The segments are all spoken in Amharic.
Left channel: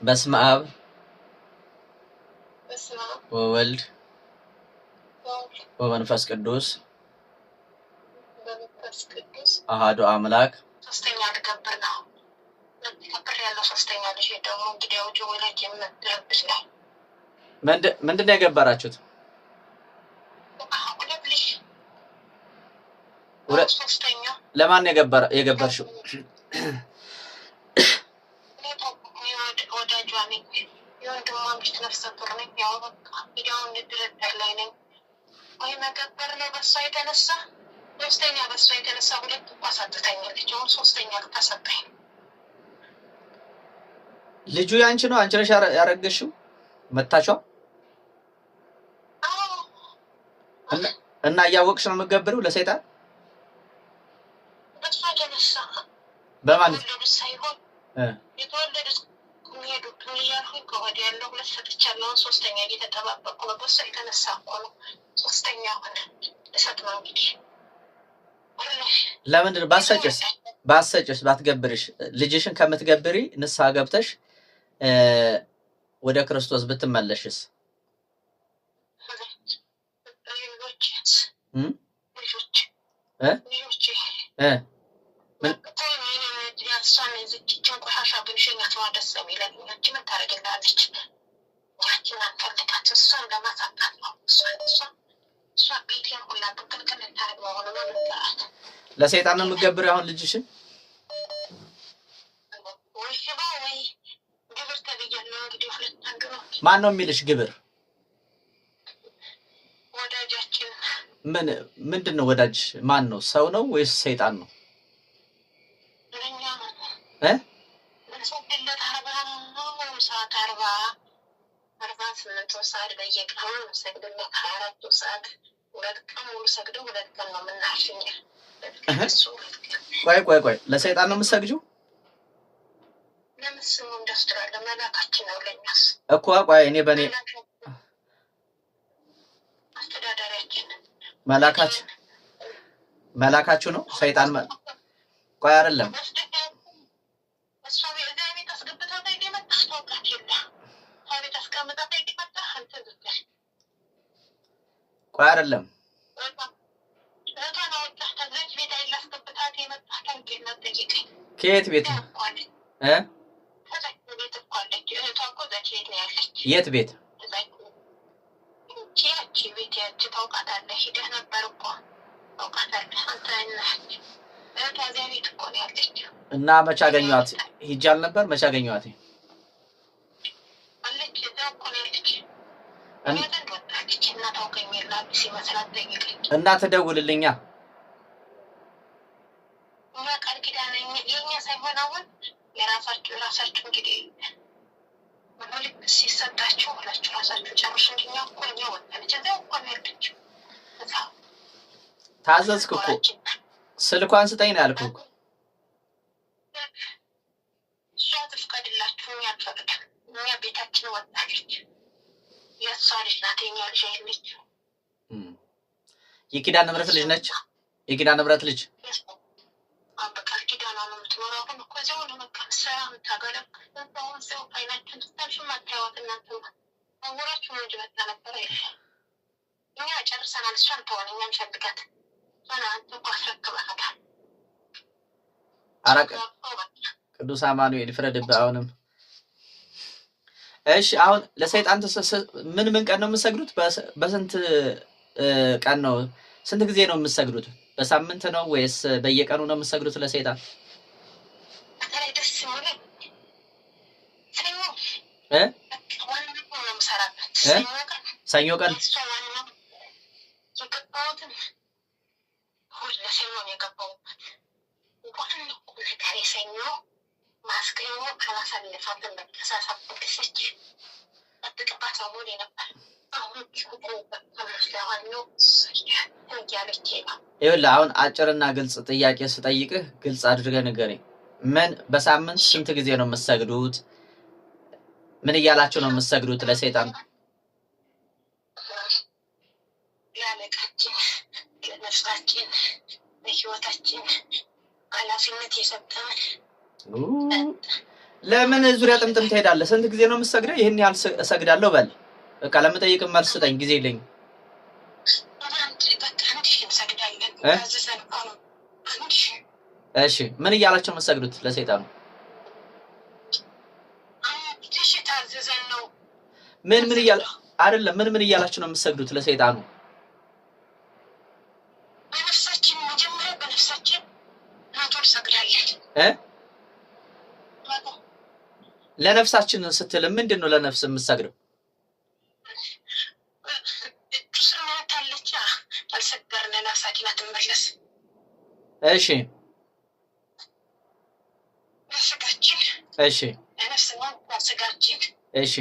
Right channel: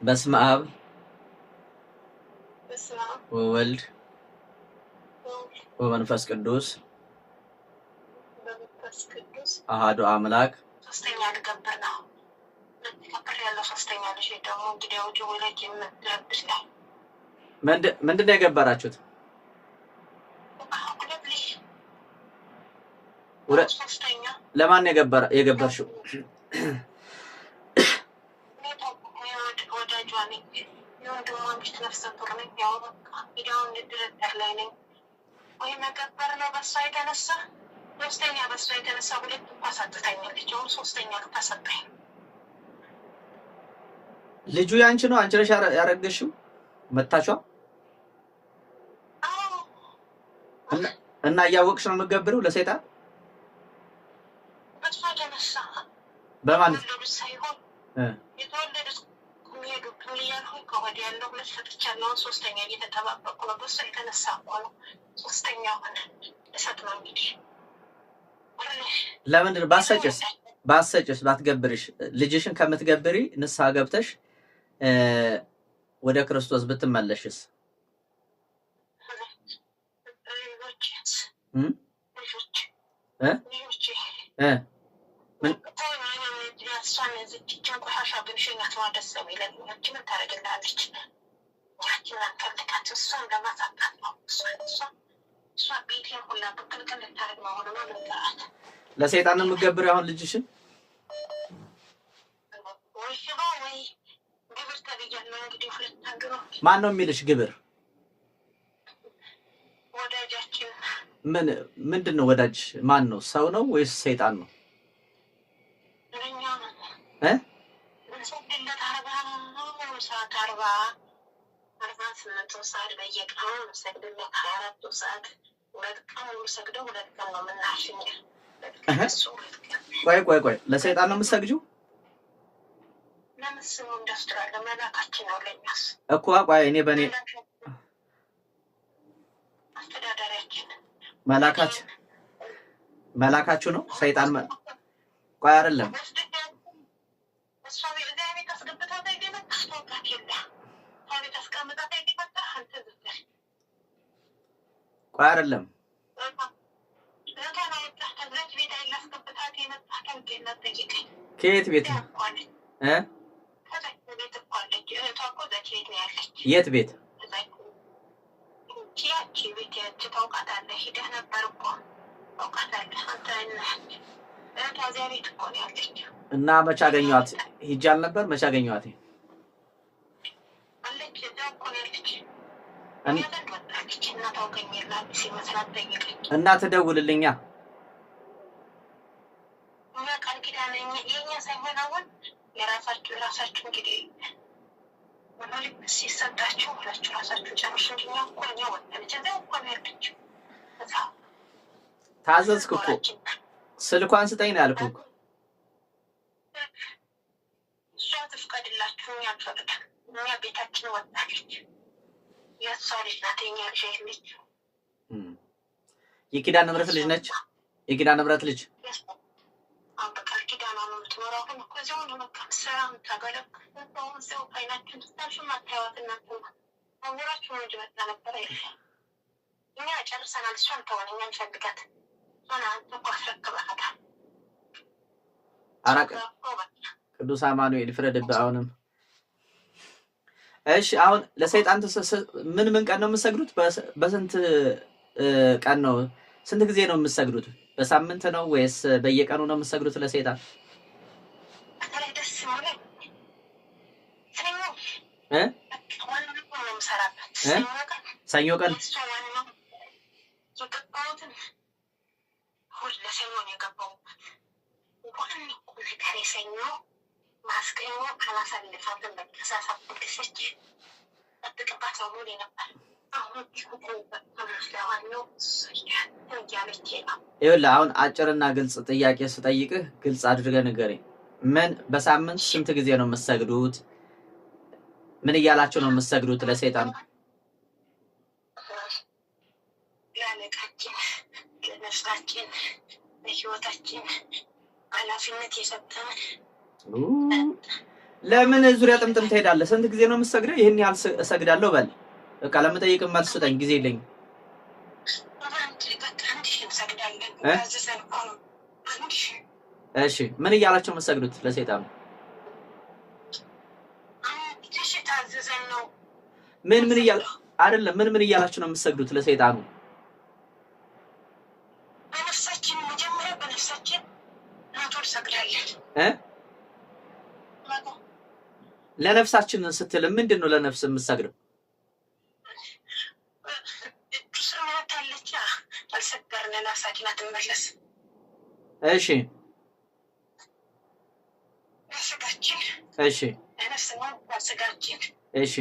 በስመ አብ ወወልድ ወመንፈስ ቅዱስ አሐዱ አምላክ ሶስተኛ ልገብር ነው ከብር ያለው ሶስተኛ ልጅ ደግሞ እንግዲህ አውጪ ወላጅ የምትለብስ ነው ምንድን ነው የገበራችሁት? ለማን የገበርሽው? ወዳጇ ነኝ የወንድሟ ሚስት ነፍሰ ጡር ነኝ። ያው በቃ ሄዳውን ድርድር ላይ ነኝ ወይ መገበር ነው። በሷ የተነሳ ሶስተኛ በሷ የተነሳ ሁለት እንኳ ሳትተኛለች። አሁን ሶስተኛ ልታሰጠኝ። ልጁ ያንቺ ነው? አንቺ ነሽ ያረገሽው? መታቿ እና እያወቅሽ ነው የምትገብሪው ለሰይጣን? በሷ የተነሳ በማን ሳይሆን የተወለዱት የሚሄዱት እያልኩኝ ከወዲ ያለው ሁለት ሰጥቻለሁ። ሶስተኛ እየተጠባበቁ ነው። በሷ የተነሳ እኮ ነው ሶስተኛ ሆነ እሰጥ ነው እንግዲህ። ለምንድን ባሰጭስ ባትገብርሽ ልጅሽን ከምትገብሪ ንስሐ ገብተሽ ወደ ክርስቶስ ብትመለሽስ? ለሰይጣን ነው የምትገብሪው አሁን ልጅሽን? ማን ነው የሚልሽ ግብር? ወዳጃችን። ምንድን ነው ወዳጅ? ማን ነው? ሰው ነው ወይስ ሰይጣን ነው? ቆይ ለሰይጣን ነው የምትሰግጂው እኮ? ቆይ እኔ በኔ መላካችሁ ነው ሰይጣን ቆይ አይደለም ቆይ አይደለም ከየት ቤት ነው? የት ቤት? እና መቼ አገኘኋት? ሂጅ አልነበር? መቼ አገኘኋት? እና ትደውልልኛ የራሳችሁ እንግዲህ ሲሰጣችሁ ሁላችሁ ራሳችሁ ጨርሱ እንጂ እኛ እኮ ወጣለች እዛው እኮ ነው ያለችው። ታዘዝክ እኮ ስልኳን ስጠኝ ነው ያልኩህ እኮ። እሷ ትፍቀድላችሁ፣ እኛ አንፈቅድም። እኛ ቤታችን ወጣለች። የእሷ ልጅ ናት፣ የእኛ ልጅ አይደለችም። የኪዳነ ምሕረት ልጅ ነች። የኪዳነ ምሕረት ልጅ በቃል ኪዳኗ ነው የምትኖረው። አሁን እኮ እዚያው ነው በቃ ምትሰራ የምታገለግል። አሁን እዚያው አይናችን ትታልሽም አታይዋት። እናንተ አወራችሁ ነው እንጂ መጣ ነበር አይደል? እኛ ጨርሰናል። እሷን ተሆነ እኛ እንፈልጋት። እሷን አንተ እኮ አስረክበሃታል። አራቅ ቅዱስ አማኑኤል ፍረድብህ። አሁንም እሺ፣ አሁን ለሰይጣን ምን ቀን ነው የምትሰግዱት? በስንት ቀን ነው? ስንት ጊዜ ነው የምትሰግዱት? በሳምንት ነው ወይስ በየቀኑ ነው የምትሰግዱት ለሰይጣን? ሰኞ ቀን ይኸውልህ አሁን አጭርና ግልጽ ጥያቄ ስጠይቅህ ግልጽ አድርገህ ንገረኝ። ምን በሳምንት ስንት ጊዜ ነው የምትሰግዱት? ምን እያላችሁ ነው የምትሰግዱት ለሰይጣን? ለአለቃችን፣ ለነፍሳችን፣ ለህይወታችን ኃላፊነት የሰጠን ለምን ዙሪያ ጥምጥም ትሄዳለህ? ስንት ጊዜ ነው የምትሰግደው? ይሄን ያህል እሰግዳለሁ በል። በቃ ለምጠይቅ መልስ ስጠኝ፣ ጊዜ የለኝም። እሺ ምን እያላችሁ የምትሰግዱት ለሰይጣኑ? ምን እያለ አይደለም፣ ምን እያላችሁ ነው የምትሰግዱት ለሰይጣኑ? በነፍሳችን መጀመሪያ በነፍሳችን ናቶል ሰግዳለን ለነፍሳችን ስትል ምንድን ነው ለነፍስ የምትሰግደው? እሺ እሺ እሺ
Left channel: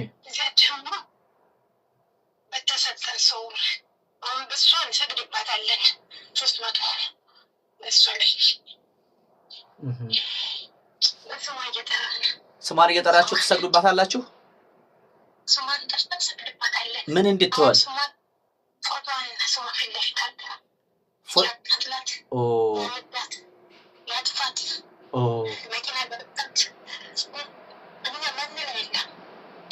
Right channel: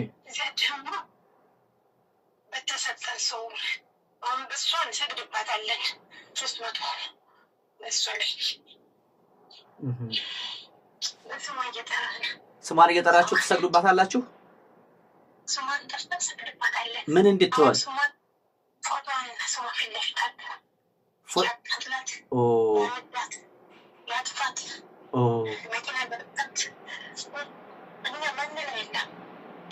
በተሰጠን ሰው አሁን በሷ እንሰግድባታለን 300 በሷ ላይ ስሟን እየጠራችሁ ትሰግዱባታላችሁ? ስሟን ጠርተን እንሰግድባታለን። ምን እንድትሆን? ፎቶዋን ስሟ ፊት ለፊት አለ። ያቃጥላት፣ ያመዳት፣ ያጥፋት፣ መኪና በርቀት እኛ ማንን የለም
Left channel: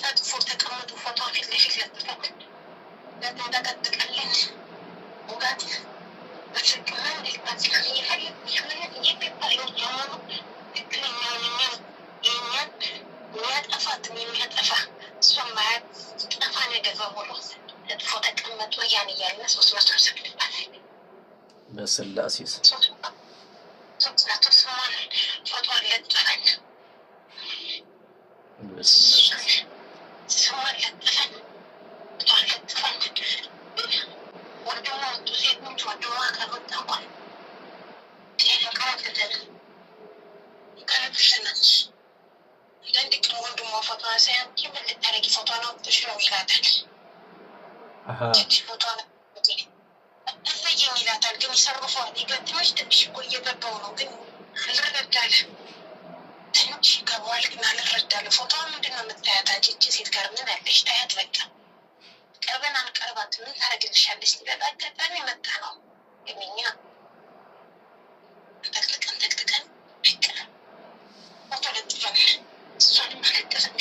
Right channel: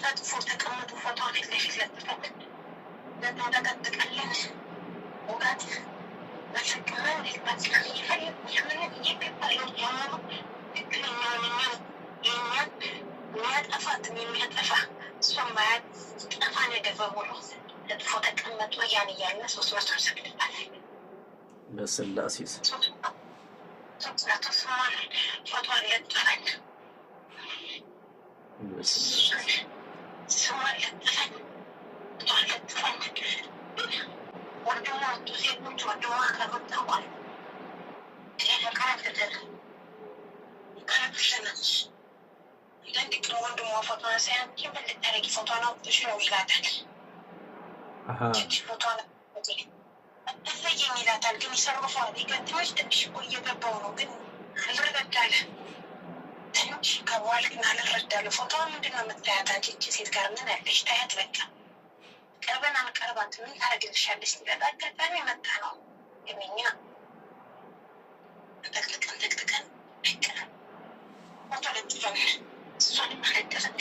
ተጥፎ ተቀምጡ ፎቶዋ ፊት ለፊት ለጥፈት ለተጠቀጥቀለን ውጋት በስቅመን ሊባት እየፈለግ ይህምን የሚባለው ጀመሩ ትክክለኛውን የሚያጠፋትን የሚያጠፋ እሷን ማያጠፋ ነገር በሙሉ ተጥፎ ተቀመጡ ያን እያለ 300 ሰግድባታል። በስላሴ ስሟን ፎቶዋን ለጥፈን ስሟን ለጥፈን ፎቶዋን ለጥፈን ወንድሟ ወጡ ሴቶች ወንድሟ ከወጣ እንኳን ቀረብሽነች አንዳንድ ቀን ወንድሟ ፎቶዋን ሳያንቺ ምን ልታረጊ ፎቶዋን አውጥተሽ ነው ይላታል። ትንሽ ፎቶዋን እሰየኝ ይላታል። ግን ይሰርፈዋል። ትንሽ ትንሽ እኮ እየገባው ነው ግን አልረዳለ ትንሽ ይገባዋል ግን አልረዳለ። ፎቶዋን ምንድን ነው የምታያት አንቺ እቺ ሴት ጋር ምን ያለሽ ታያት በቃ ቀርበን አንቀርባት ምን ታደርግልሻለች? ሊበጣ አጋጣሚ መጣ ነው የኛ ተክልቀን በቃ ፎቶ ለጥፈን እሷንም አለጠፈን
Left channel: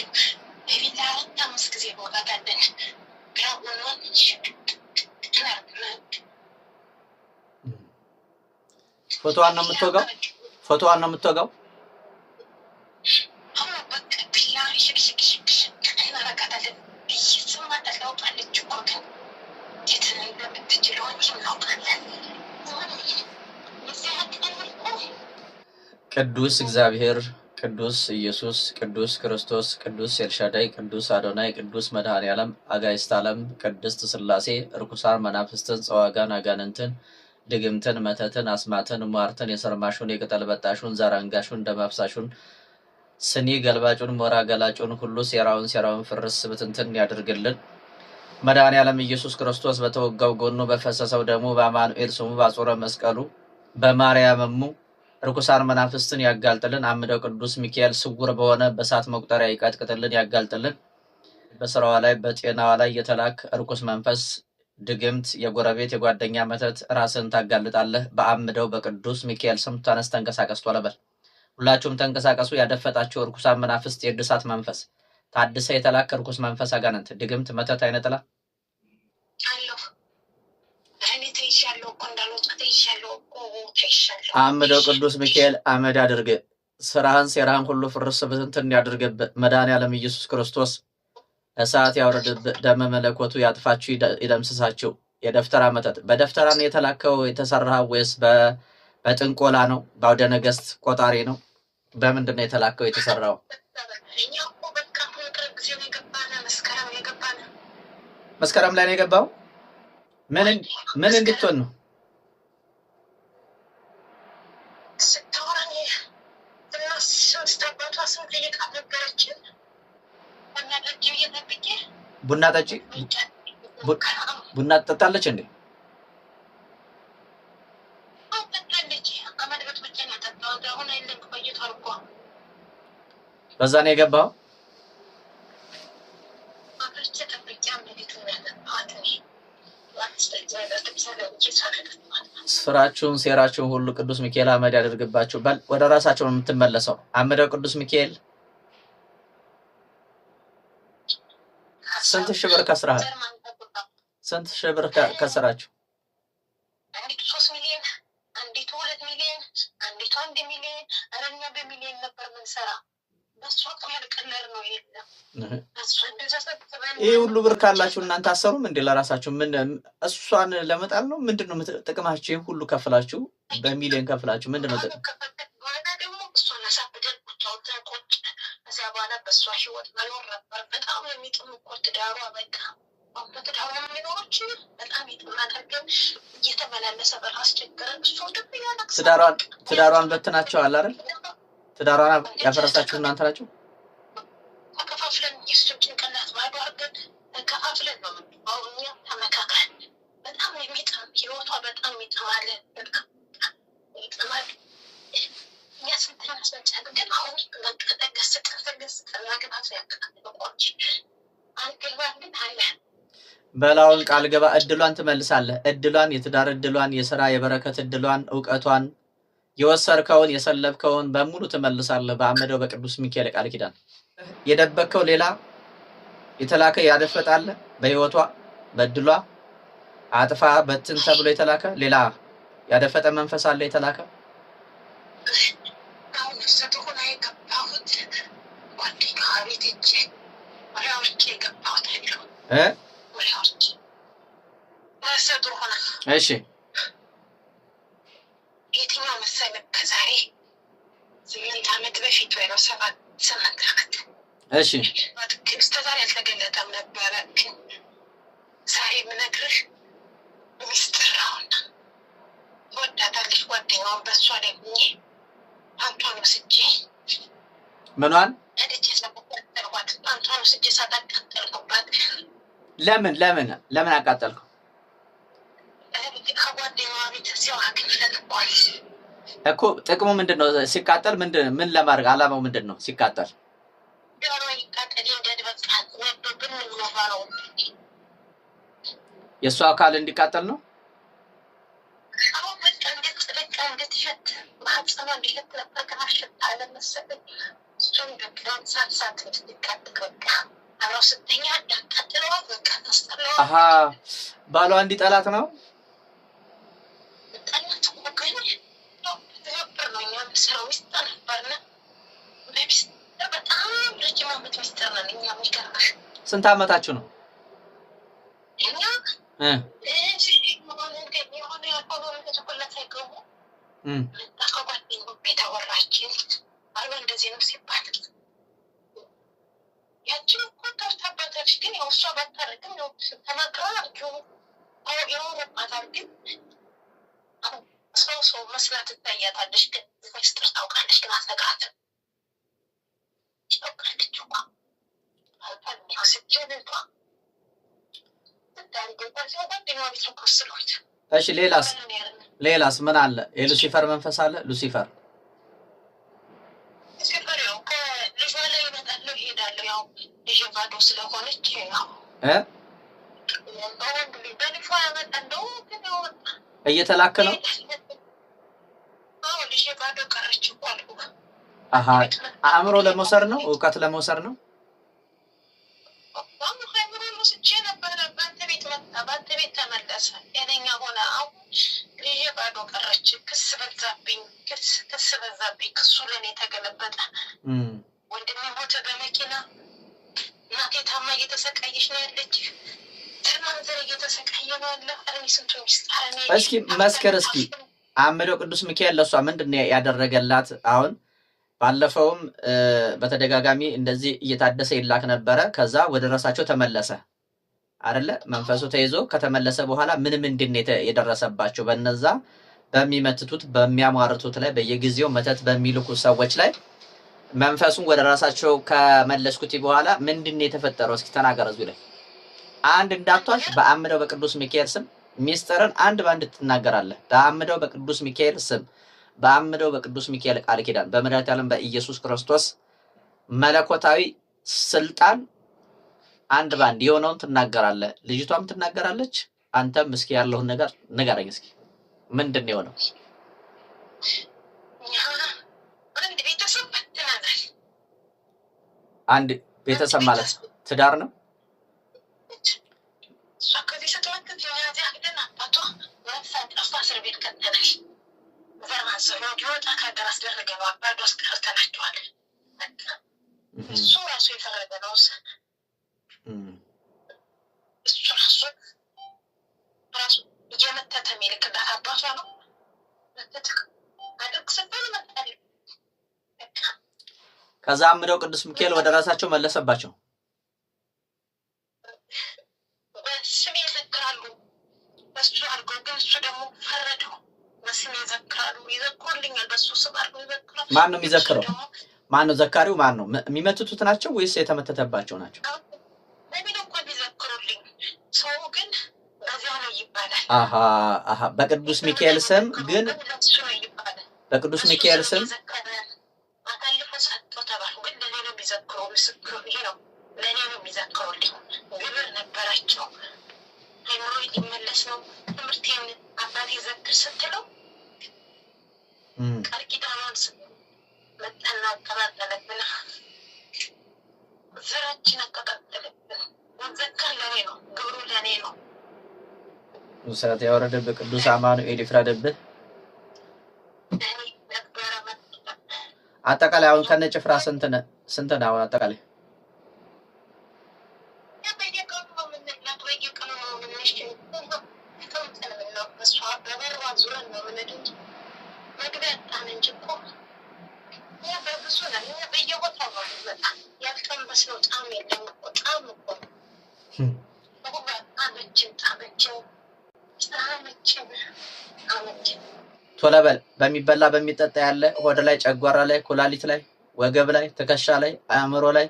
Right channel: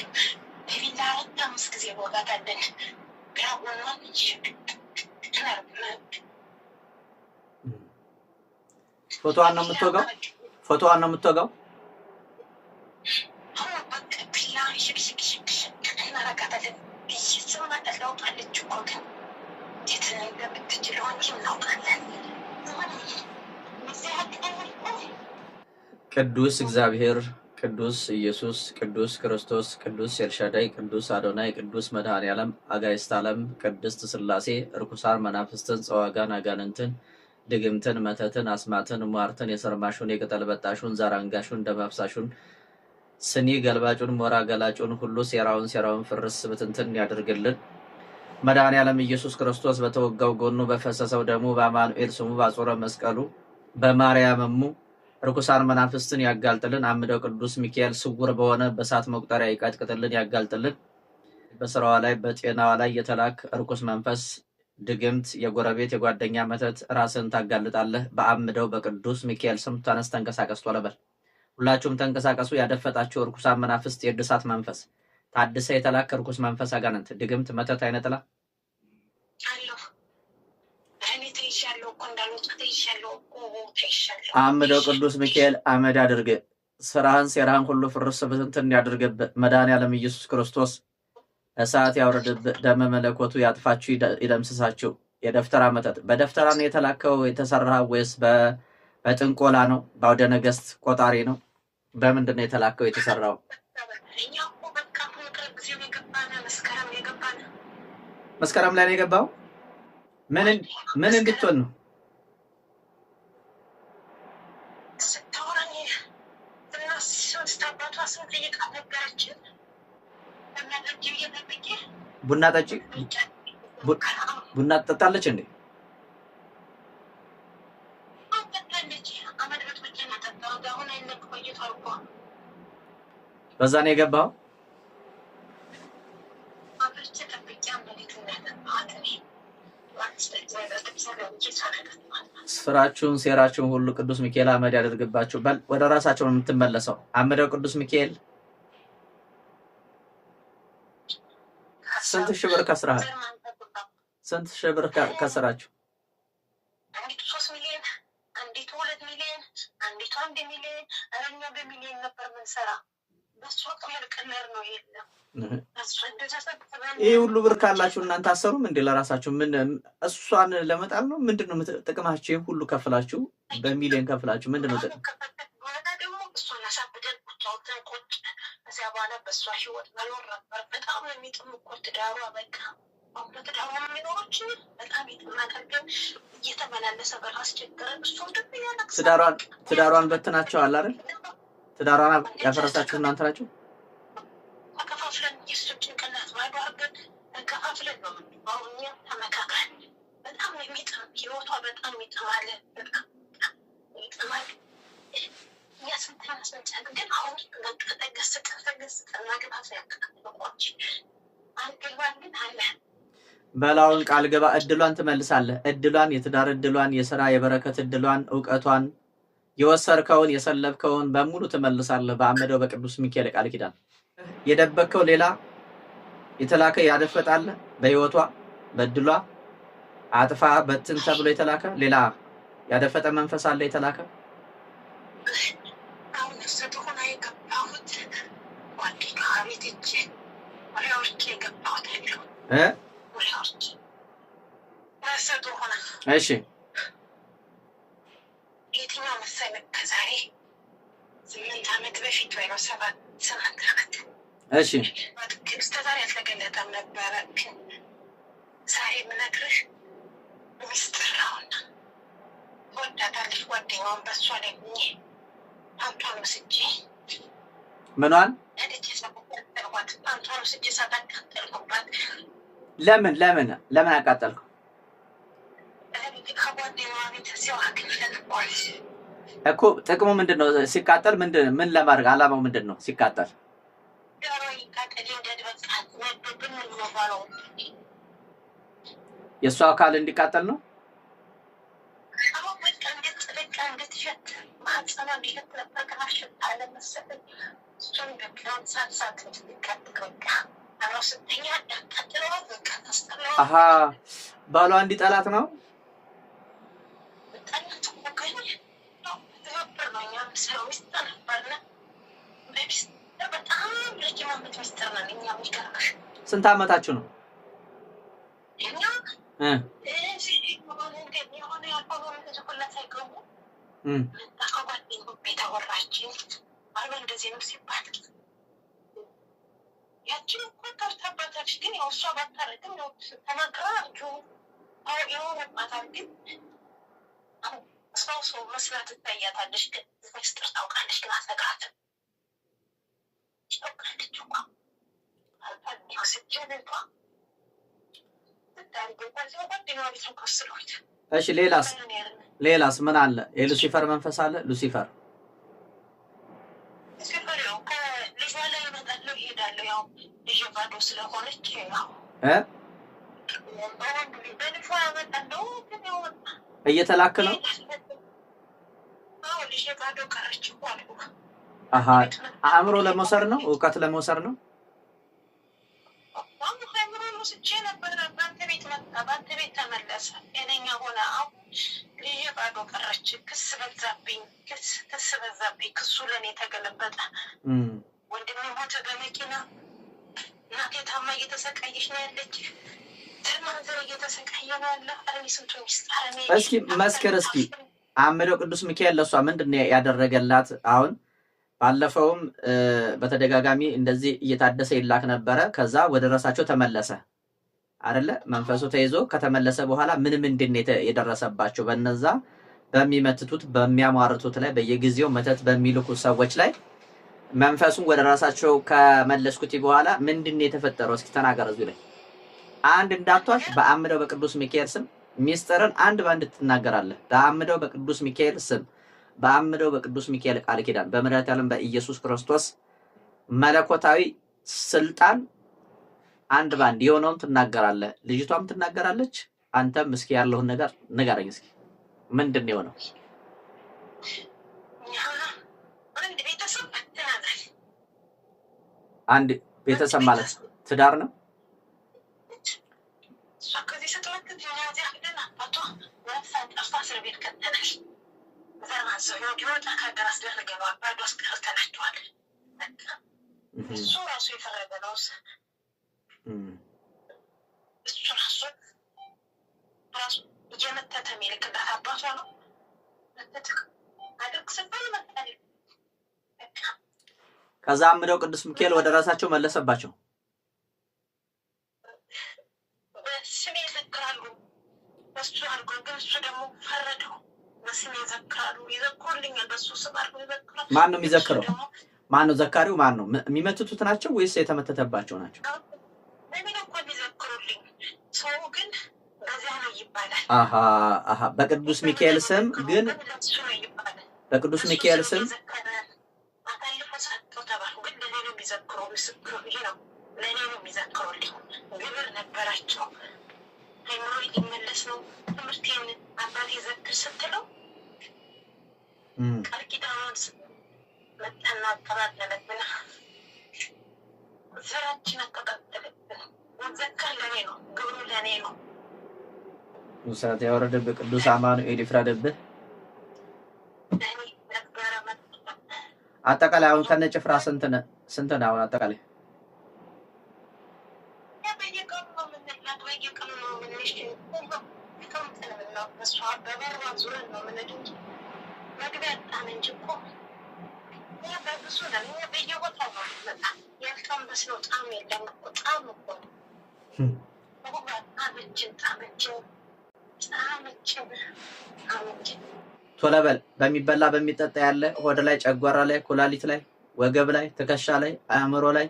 በቢላ 5 ጊዜ በወጋታለን ግራውናን ፎቶዋን ነው የምትወጋው? ፎቶዋን ነው የምትወጋው? በቃ ቢላ ሽክሽክሽክ እናረጋታለን። እየሰማት ለውጣለች እኮ ግን የት እንደምትችለው እንጂ እናውቃለን። ቅዱስ እግዚአብሔር፣ ቅዱስ ኢየሱስ፣ ቅዱስ ክርስቶስ፣ ቅዱስ ኤልሻዳይ፣ ቅዱስ አዶናይ፣ ቅዱስ መድኃኔዓለም፣ አጋዕዝተ ዓለም፣ ቅድስት ሥላሴ፣ ርኩሳን መናፍስትን፣ ጸዋጋን፣ አጋንንትን፣ ድግምትን፣ መተትን፣ አስማትን፣ ሟርትን፣ የሰርማሹን፣ የቅጠል በጣሹን፣ ዛር አንጋሹን፣ ደም አፍሳሹን፣ ስኒ ገልባጩን፣ ሞራ ገላጩን ሁሉ ሴራውን ፍርስ ብትንትን ያድርግልን። መድኃኔዓለም ኢየሱስ ክርስቶስ በተወጋው ጎኑ በፈሰሰው ደሙ በአማኑኤል ስሙ በአጾረ መስቀሉ በማርያምሙ ርኩሳን መናፍስትን ያጋልጥልን። አምደው ቅዱስ ሚካኤል ስውር በሆነ በእሳት መቁጠሪያ ይቀጥቅጥልን፣ ያጋልጥልን። በስራዋ ላይ በጤናዋ ላይ የተላክ ርኩስ መንፈስ፣ ድግምት፣ የጎረቤት የጓደኛ መተት ራስን ታጋልጣለህ። በአምደው በቅዱስ ሚካኤል ስም ተነስ፣ ተንቀሳቀስ፣ ቶሎ በል። ሁላችሁም ተንቀሳቀሱ። ያደፈጣችሁ ርኩሳን መናፍስት፣ የእድሳት መንፈስ፣ ታድሰ የተላክ ርኩስ መንፈስ፣ አጋንንት፣ ድግምት፣ መተት፣ አይነጥላ አምደው ቅዱስ ሚካኤል አመድ አድርግ። ስራህን ሴራህን ሁሉ ፍርስ ብትንትን ያድርግብህ። መድኃኔዓለም ኢየሱስ ክርስቶስ እሳት ያውርድብህ። ደመ መለኮቱ ያጥፋችሁ፣ ይደምስሳችሁ። የደፍተራ መተት በደፍተራ ነው የተላከው የተሰራህ ወይስ በጥንቆላ ነው? በአውደ ነገስት ቆጣሪ ነው? በምንድን ነው የተላከው የተሰራው? መስከረም ላይ ነው የገባው። ምን እንድትሆን ነው? ቡና ጠጪ። ቡና ትጠጣለች እንዴ? በዛ ነው የገባው። ስራችሁን ሴራችሁን ሁሉ ቅዱስ ሚካኤል አመድ ያደርግባችሁ። በል ወደ ራሳቸው ነው የምትመለሰው። አምደው ቅዱስ ሚካኤል ስንት ሺህ ብር ከስራሃል? ስንት ሺህ ብር ከስራችሁ? አንዲቱ 3 ሚሊዮን፣ አንዲቱ 2 ሚሊዮን፣ አንዲቱ 1 ሚሊዮን፣ አረኛ በሚሊዮን ነበር ምንሰራ። በሷ ቀመር ነው የለም። ይሄ ሁሉ ብር ካላችሁ እናንተ አሰሩም እንዴ ለራሳችሁ? ምን እሷን ለመጣል ነው? ምንድነው ጥቅማችሁ? ይሄን ሁሉ ከፍላችሁ በሚሊዮን ከፍላችሁ ምንድነው ጥቅም? ደግሞ እሷን አሳብደን ቁጫውተን ቁጭ እዚያ በኋላ በእሷ ህይወት መኖር ነበር። በጣም የሚጥም እኮ ትዳሯ በቃ በትዳሯ የሚኖሮች በጣም ይጥማታል። ግን እየተመላለሰ በቃ አስቸገረን። እሱ ደግሞ ያለቅስ ትዳሯን በትናቸዋል አይደል? ትዳሯን ያፈረሳችሁ እናንተ ናችሁ። ተከፋፍለን የእሱን ጭንቅላት ባዶ አድርገን ተከፋፍለን ነው የምንባው። እኛ ተመካክረን በጣም የሚጥም ህይወቷ በጣም ይጥማል። በቃ ይጥማል። እኛ ስንት ያስመጫል። ግን አሁን በቃ ተገስጠን ማግባት ያቀጣጥቆች አልገባን ግን አለ በላውን ቃል ገባ። እድሏን ትመልሳለህ። እድሏን፣ የትዳር እድሏን፣ የሥራ የበረከት እድሏን፣ ዕውቀቷን፣ የወሰርከውን የሰለብከውን በሙሉ ትመልሳለህ በአመደው በቅዱስ ሚካኤል ቃል ኪዳን። የደበከው ሌላ የተላከ ያደፈጣል። በህይወቷ በእድሏ አጥፋ በትን ተብሎ የተላከ ሌላ ያደፈጠ መንፈስ አለ የተላከ። አሁን ሰጥቶና የገባሁት ጓደኛ ቤት እጄ ወላውርቼ የገባሁት አይደለም ወላውርቼ ሰጥቶና እሺ የትኛው መሰለህ? ከዛሬ 8 ዓመት በፊት ወይ 7 ዓመት እሺ እስከዛሬ አልተገለጠም ነበረ። ግን ዛሬ የምነግርህ ሚስጥር ነውና ትወዳታለች። ጓደኛውን በእሷ ላይ ሁኜ ፓንቷን ወስጄ ምኗን እድቼ ሳታቃጠልኳት፣ ፓንቷን ወስጄ ሳታቃጠልኩባት። ለምን አቃጠልከው? ከጓደኛዋ ቤት እዚያው አግኝተንኳል እኮ። ጥቅሙ ምንድን ነው ሲቃጠል? ምን ለማድረግ አላማው ምንድን ነው ሲቃጠል? ዶሮ ይቃጠል እንደድበቃት ወዶብን ነው የእሷ አካል እንዲቃጠል ነው። አሁን በቃ እንድትሸት ማህፀኗ እንዲሸት ነበር። ግን አሸታለ መሰለኝ። እሱን በቃ ሳት እንድትቃጠል በቃ አብረው ስተኛ ያቃጥለዋት በቃ ታስጠለዋት። አሀ ባሏ እንዲጠላት ነው። ጠላት ወገኝ ነበር ነው እኛ ምስራው ሚስጥር ነበርና በሚስጥር በጣም ረጅም ዓመት ሚስጥር ነን እኛ። የሚገርምሽ ስንት ዓመታችሁ ነው? እኛ የሆነ ያልሆነ ተቸኮላት አይገቡ ከጓደኛ ቤት አወራችን አሉ እንደዚህ ነው ሲባል ያችን እኮ ታርታባታለች። ግን ያው እሷ ባታረግም ያው ተናግራ የሆነባታል። ግን ሰው መስላት ትታያታለች። ግን ሚስጥር ታውቃለች። ግን አትነግራትም። ታውቃለች እኮ አልፋ ስጀንቷ እሺ ሌላስ ምን አለ? የሉሲፈር መንፈስ አለ። ሉሲፈር ያው ከልጇ ላይ እመጣለሁ እሄዳለሁ። ያው ልጄ ባዶ ስለሆነች በልጇ ያመጣለሁ። ግን እየተላከ ነው። ልጄ ባዶ ቀረች እኮ አልኩ። አእምሮ ለመውሰድ ነው፣ እውቀት ለመውሰድ ነው። ስቼ ነበረ በአንተ ቤት መጣ፣ በአንተ ቤት ተመለሰ። ጤነኛ ሆነ። አሁን ልጄ ባዶ ቀረች። ክስ በዛብኝ። ክሱ ለእኔ ተገለበጠ። ወንድሜ ሞተ በመኪና። እናቴ ታማ እየተሰቃየች ነው ያለች። ዘርማንዘር እየተሰቃየ ነው ያለ። አረሚ ስንቱ ሚስጣር እስኪ መስከር እስኪ አምደው ቅዱስ ሚካኤል ለሷ ምንድን ነው ያደረገላት? አሁን ባለፈውም በተደጋጋሚ እንደዚህ እየታደሰ ይላክ ነበረ። ከዛ ወደ ራሳቸው ተመለሰ አይደለ? መንፈሱ ተይዞ ከተመለሰ በኋላ ምንድን ነው የደረሰባቸው? በነዛ በሚመትቱት በሚያሟርቱት ላይ በየጊዜው መተት በሚልኩ ሰዎች ላይ መንፈሱን ወደ ራሳቸው ከመለስኩት በኋላ ምንድን ነው የተፈጠረው? እስኪ ተናገር። እዚሁ ላይ አንድ እንዳቷሽ በአምደው በቅዱስ ሚካኤል ስም ሚስጥርን አንድ ባንድ ትናገራለህ። በአምደው በቅዱስ ሚካኤል ስም በአምደው በቅዱስ ሚካኤል ቃል ኪዳን በመድኃኒዓለም በኢየሱስ ክርስቶስ መለኮታዊ ስልጣን አንድ ባንድ የሆነውን ትናገራለህ። ልጅቷም ትናገራለች። አንተም እስኪ ያለውን ነገር ንገረኝ። እስኪ ምንድን ነው የሆነው? አንድ ቤተሰብ ማለት ትዳር ነው። ሰው ዲዮታ ካደረስ ደረገው አባዶስ ከርተናቸዋል እሱ ራሱ የፈረደ ነው እሱ ራሱ የመተተ መልክ አባቷ ነው አድርግ ሰበለ መጣል ከዛም ነው ቅዱስ ሚካኤል ወደ ራሳቸው መለሰባቸው ስሜ ዘክራሉ በሱ አርጎ ገሱ ደግሞ ፈረደው በስሜ ዘክራሉ ይዘክሩልኛል በሱ ስም አርጎ ይዘክራሉ ማን ነው የሚዘክረው ማን ነው ዘካሪው ማን ነው የሚመቱት ናቸው ወይስ የተመተተባቸው ናቸው እኔ ነው እኮ የሚዘክሩልኝ ሰው ግን በዚያ ነው ይባላል አሃ በቅዱስ ሚካኤል ስም ግን በቅዱስ ሚካኤል ስም አታልፈ ሰጥተው ተባሉ ግን ለኔ ነው የሚዘክሩ ምስክሩ ይሄ ነው ለኔ ነው የሚዘክሩልኝ ግብር ነበራቸው አይምሮ ይመለስ ነው ትምህርቴን አባቴ ዘክር ስትለው ቃል ኪዳኑን መጣና አቀባበለብን ዘራችን አቀባበለብን ወዘከር ለኔ ነው ግብሩ ለኔ ነው ሙሳት ያወረደብህ ቅዱስ አማኑኤል ይፍረድብህ አጠቃላይ አሁን ከነጭፍራ ስንት ነው አጠቃላይ ቶለበል በሚበላ በሚጠጣ ያለ ሆድ ላይ ጨጓራ ላይ ኩላሊት ላይ ወገብ ላይ ትከሻ ላይ አእምሮ ላይ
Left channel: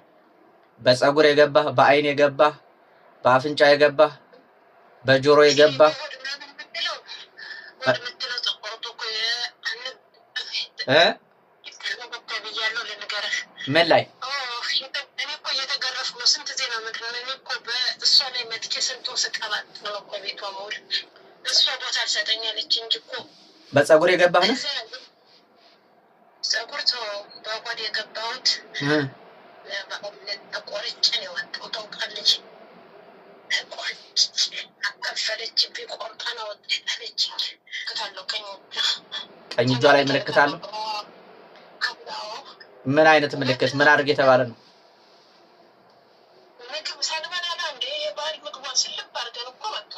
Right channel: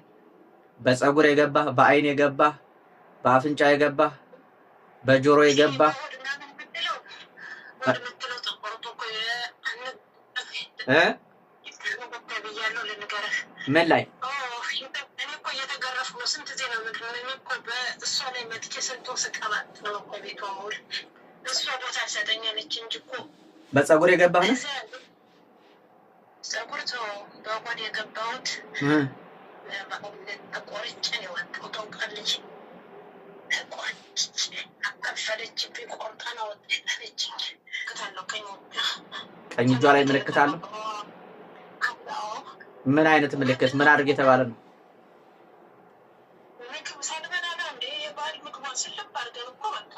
በፀጉር የገባ በአይን የገባ በአፍንጫ የገባ በጆሮ የገባ ምን ላይ በፀጉር የገባህ ነው ፀጉር ተው በቆድ የገባሁት ተቆርጬ ነው ወጣው ተንቀልች ተቆርጬ አከፈለች ቢቆርጣ ነው ወጣለች ከታለው ቀኝ እጇ ላይ ምልክት አለው ምን አይነት ምልክት ምን አድርግ የተባለ ነው ምግብ ሳልበላ እንደ የባል ምግብ ስልብ አድርገን እኮ በቃ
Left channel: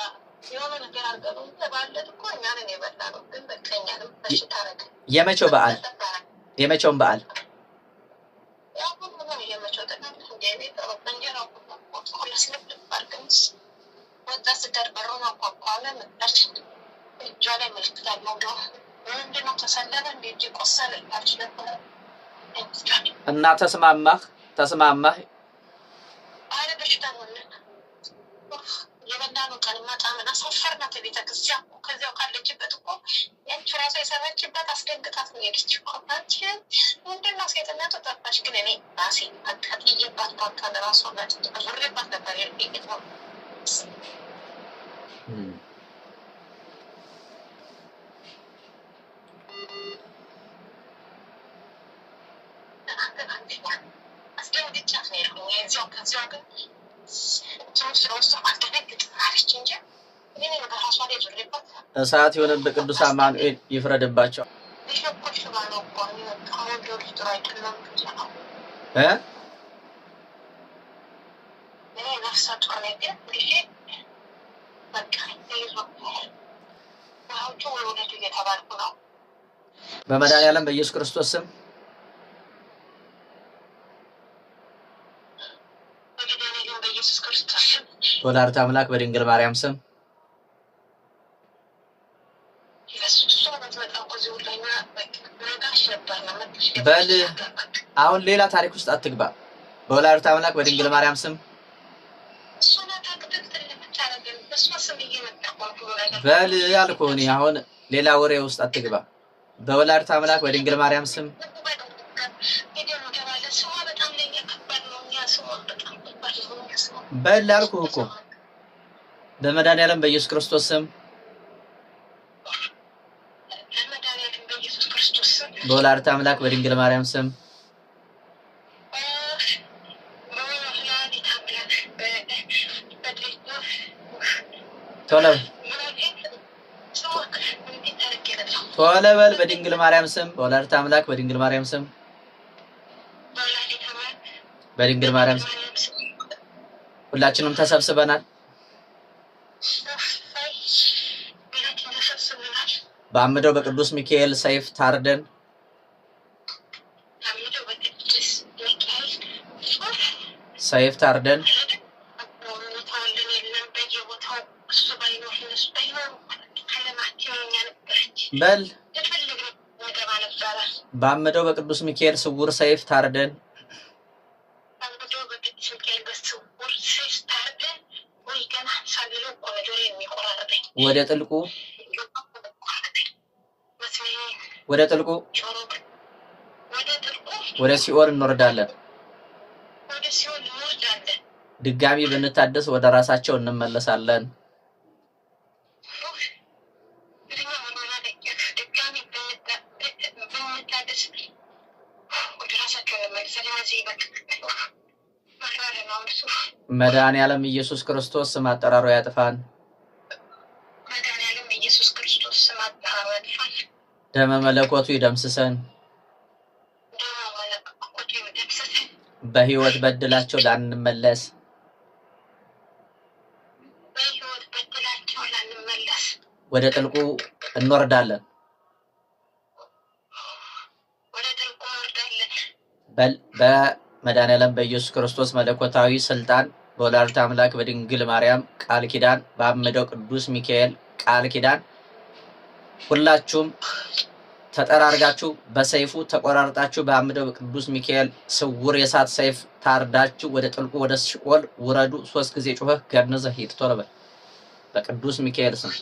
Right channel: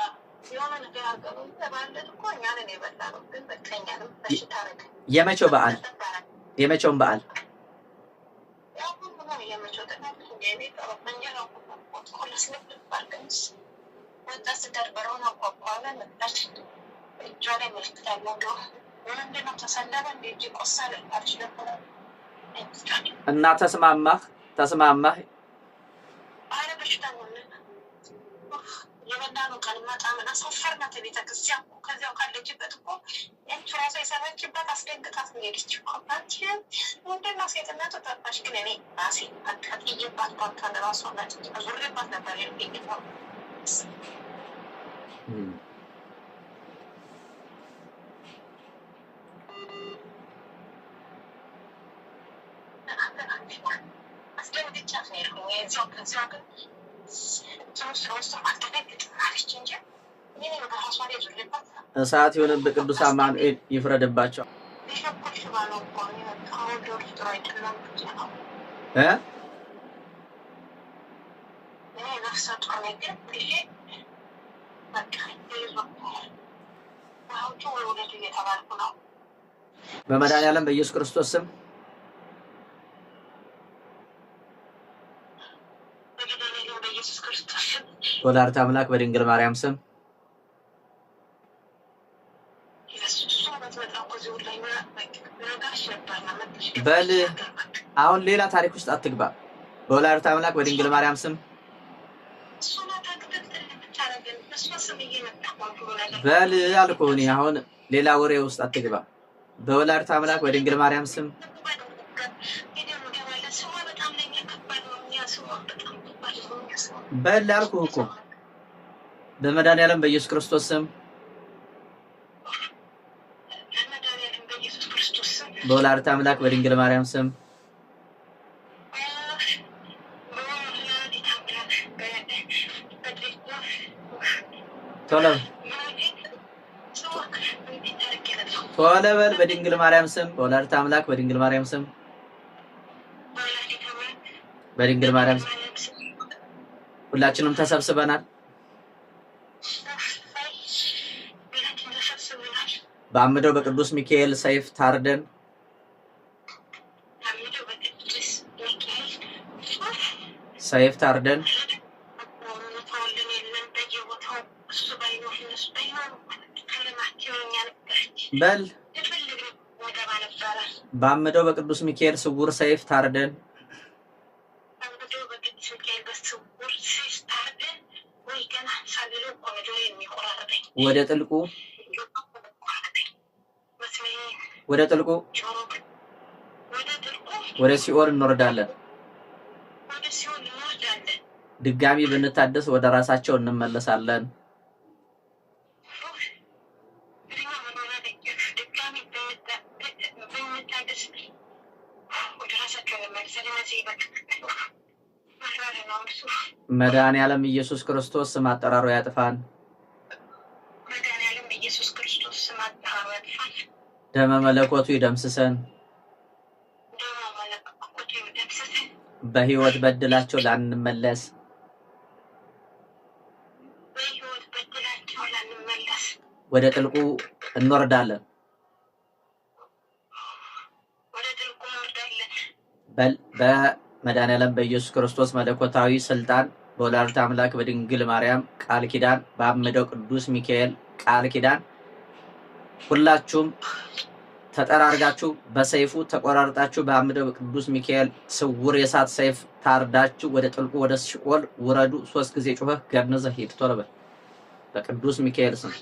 የሆነ ነገር አድርገን ተባለት እኮ እኛን የበላነው ግን በቀኛንም በሽታ ነገር የመቼው በዓል የመቼውን በዓል የመቼው ተናል እንደ ተረፈኛ ነው ኮለስ ልባርገንስ ወጣት ተደርበረው አቋቋለ መጣች እጇ ላይ ምልክት አለው ነው ምንድነው ተሰለለ እንደ ቆሰለ አልችልም እና ተስማማህ አረ በሽታ ነው የበላነው ቀን ማጣመና ሰፈርና ቤተክርስቲያን ከዚያው ካለችበት እኮ ያቺ ራሷ የሰራችበት አስደንግጣት ነው የሄደች እኮ አንቺ ምንድነው ሴትነቱ ጠፋሽ ግን እኔ ራሴ አቃጥዬባት ባንካን ራሷ ናት አዙሬባት ነበር የሄደው አስደንግጫት ነው የሄድኩኝ የዚያው ከዚያው ግን እሳት የሆነብህ ቅዱስ አማኑኤል ይፍረድባቸው በመድኃኒዓለም በኢየሱስ ክርስቶስ ስም ወላዲተ አምላክ በድንግል ማርያም ስም በል አሁን ሌላ ታሪክ ውስጥ አትግባ በወላዲተ አምላክ በድንግል ማርያም ስም በል አልኩህ እኔ አሁን ሌላ ወሬ ውስጥ አትግባ በወላዲተ አምላክ በድንግል ማርያም ስም በል አልኩህ እኮ በመድኃኒዓለም በኢየሱስ ክርስቶስ ስም በወላዲተ አምላክ በድንግል ማርያም ስም ቶሎ ቶሎ በል በድንግል ማርያም ስም በወላዲተ አምላክ በድንግል ማርያም ስም በድንግል ማርያም ስም ሁላችንም ተሰብስበናል። በአምደው በቅዱስ ሚካኤል ሰይፍ ታርደን ሰይፍ ታርደን በል በአምደው በቅዱስ ሚካኤል ስውር ሰይፍ ታርደን ወደ ጥልቁ ወደ ሲኦል እንወርዳለን። ድጋሚ ብንታደስ ወደ ራሳቸው እንመለሳለን። መድኃኔዓለም ኢየሱስ ክርስቶስ ስም አጠራሩ ያጥፋን። ደመ መለኮቱ ይደምስሰን። በህይወት በድላቸው ላንመለስ ወደ ጥልቁ እንወርዳለን። በመድኃኔዓለም በኢየሱስ ክርስቶስ መለኮታዊ ስልጣን በወላዲተ አምላክ በድንግል ማርያም ቃል ኪዳን በአምደው ቅዱስ ሚካኤል ቃል ኪዳን ሁላችሁም ተጠራርጋችሁ በሰይፉ ተቆራርጣችሁ በአምደው ቅዱስ ሚካኤል ስውር የሳት ሰይፍ ታርዳችሁ ወደ ጥልቁ ወደ ሲኦል ውረዱ። 3 ጊዜ ጮኸህ ገርነዘህ ሂድ። ቶሎ በል በቅዱስ ሚካኤል ስም።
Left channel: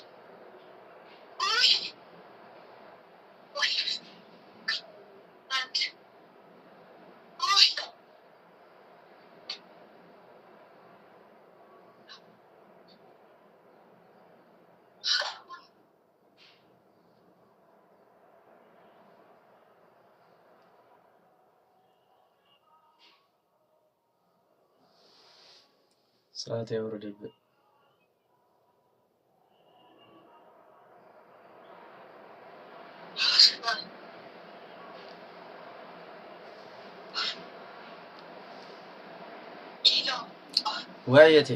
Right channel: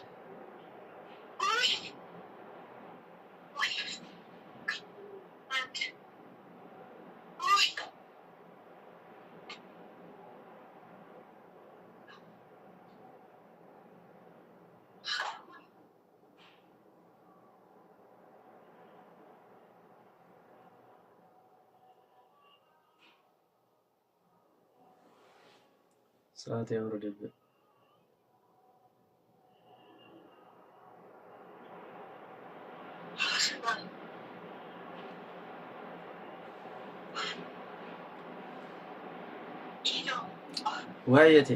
ሰዓት ያወርድብህ። ወይቴ